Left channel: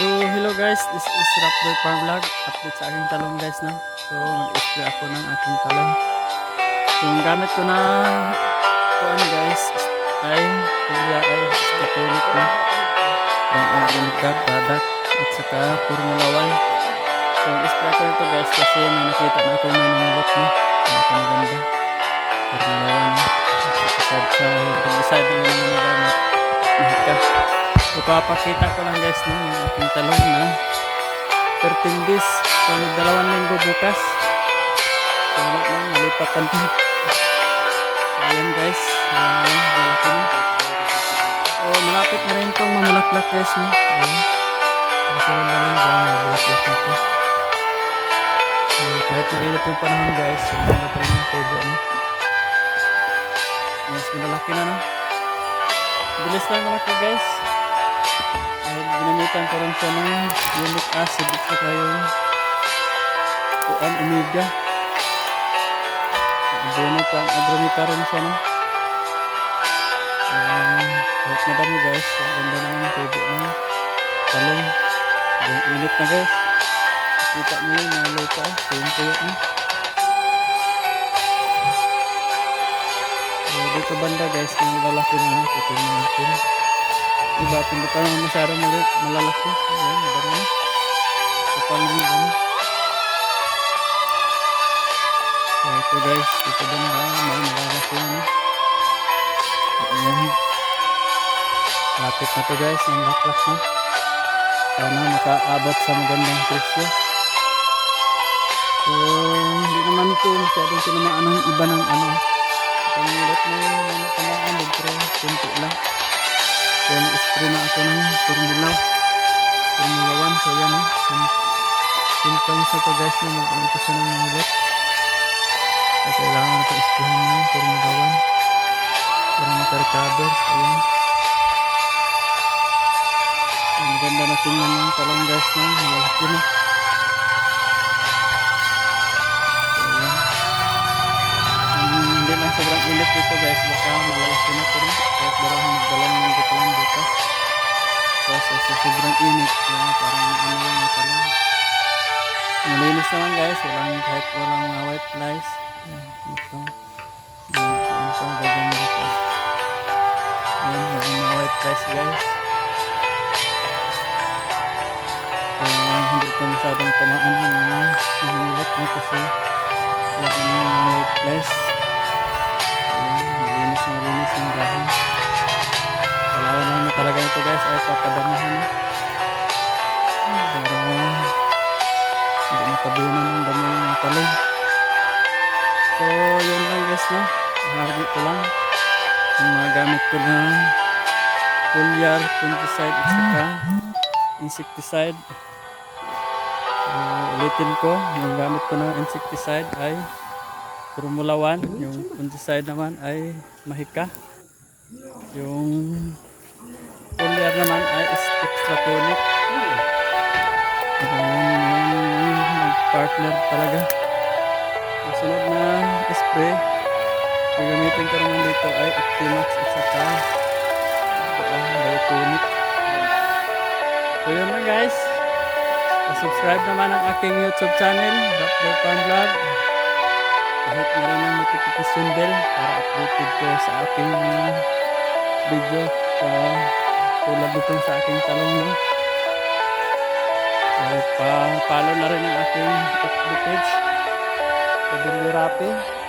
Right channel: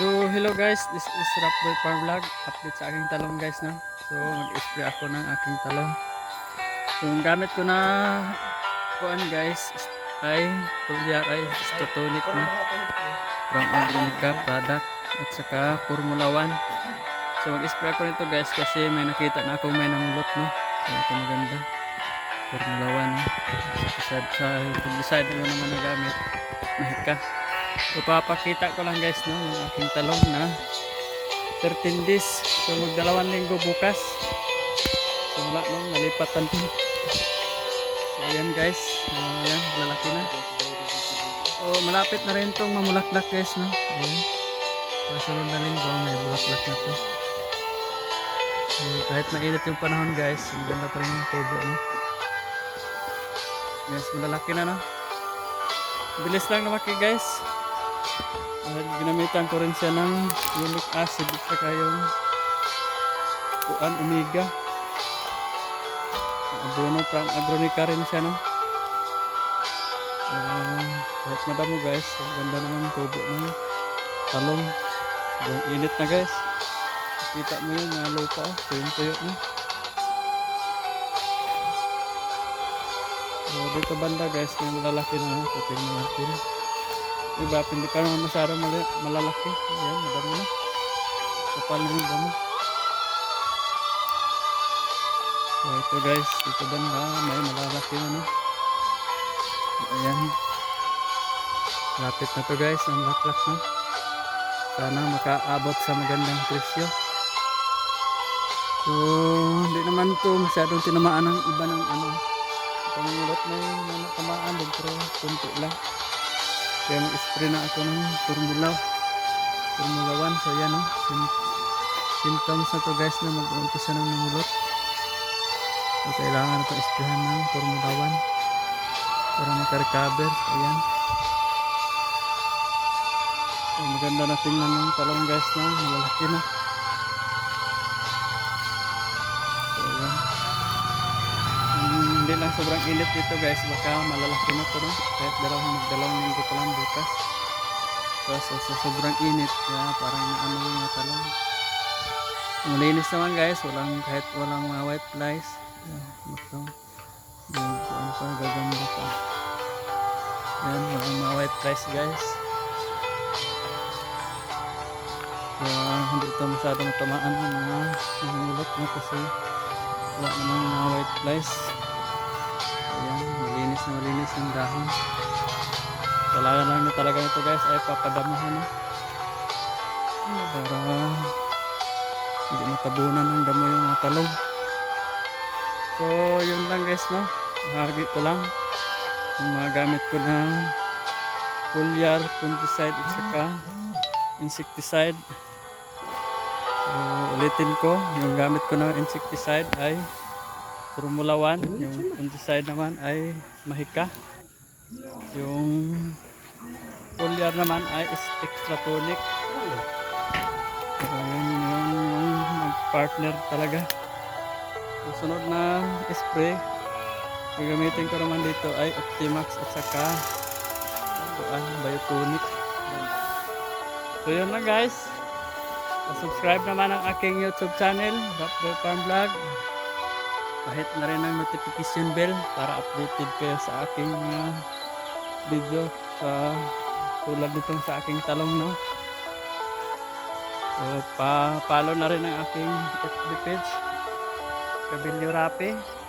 So, hello guys, this is Rapboy Farm Vlog. Update sa aking talong guys na. So, mag-spray ako ng aking talong. So, ang gamit ko na kuan guys ay kulya ay katulik na from organic product at saka Formula 1. So, spray ko nito guys kasi may nakita na ako may namulot no. Ito maganda. Formula 1. Side sa pag-decide mo naman gamit. Mahika. So, papakita ko lang guys no, yung aking talong na 13 days. So, magdalawang linggo bukas. So, wala lang, nalipatan to. So, ayan guys. Ayan, malaki na. So, malapit na rin itong mamulaklak guys no. Ayan. So, sunod na linggo, may bulaklak na to. So, kahit mainit yung panahon guys, ang ganda pa rin yung tubo no. Yes, malalaki na no. Bilis lang lumaki guys. Dahil ginamitan ko rin siya ng unique acid at saka yung kuan omega. Abono from agromika rin siya no. Um, kahit madamo guys, ang ganda naman yung tubo ng talong. Yung init na guys. Kita mo yun, na lupa, tuyong tuyo no. So, dito banda guys, kung malalaki na, titingnan natin. Diba, hindi pa naman masyadong mal- malalaki. Ayan, madami na. Kapal na yung dami. So, ito guys, dito banda, may malalaki na no. Ayan. Lapit na to guys, ang laklak na. Sana makaabot sa magandang presyo. So, hindi naman ito masyadong tinamaan ng iba ng ano. Pangulot na yung mga tamaan pero kunti lang. Kaya mag-spray na ako ng Formula Formula 1. So yan o. Sim- symptoms na to guys na mag-umpisa ng mangulot. So kailangan na ito isprayan ng Formula 1 para makarecover. So yan. So, maganda na tingnan ng talong guys na malalaki na. So hindi lang sobrang init dito guys baka malalaki na to no? kahit dalawang magdalawang lang bukas so, so, so sobrang init kaya parang ano yung talong malinis naman guys. Walang kahit walang mga white flies. Yan ito. Yan pa gaganda pa yan walang mga white flies guys. Kaya hindi ito masyadong tamaan ng mga nangilat na kasi wala namang mga white flies. Ayan, malinis na malinis yung dahon. Kailangan lang na talaga ito guys ay papadamihan na. Para hindi matabunan ng damo yung mga talong. So, yun lang guys no. Hagi ko lang. Yung mga gamit ko na foliar, fungicide at saka insecticide. So, ulitin ko, yung gamit ko na insecticide ay Formula 1, yung fungicide naman ay Mahika. Yung foliar naman ay extra tonic. Yun yung partner talaga. Ang sunod na spray, gagamitin ko naman dito ay Optimax at saka ang Biotonic. So yun lang guys. subscribe naman ang aking YouTube channel, Raptor Farm Vlog kahit na rin ang notification bell para updated kayo sa aking video sa tulad dito sa aking talong no? So pa follow na rin ang aking FB page sa Bilyo Rapi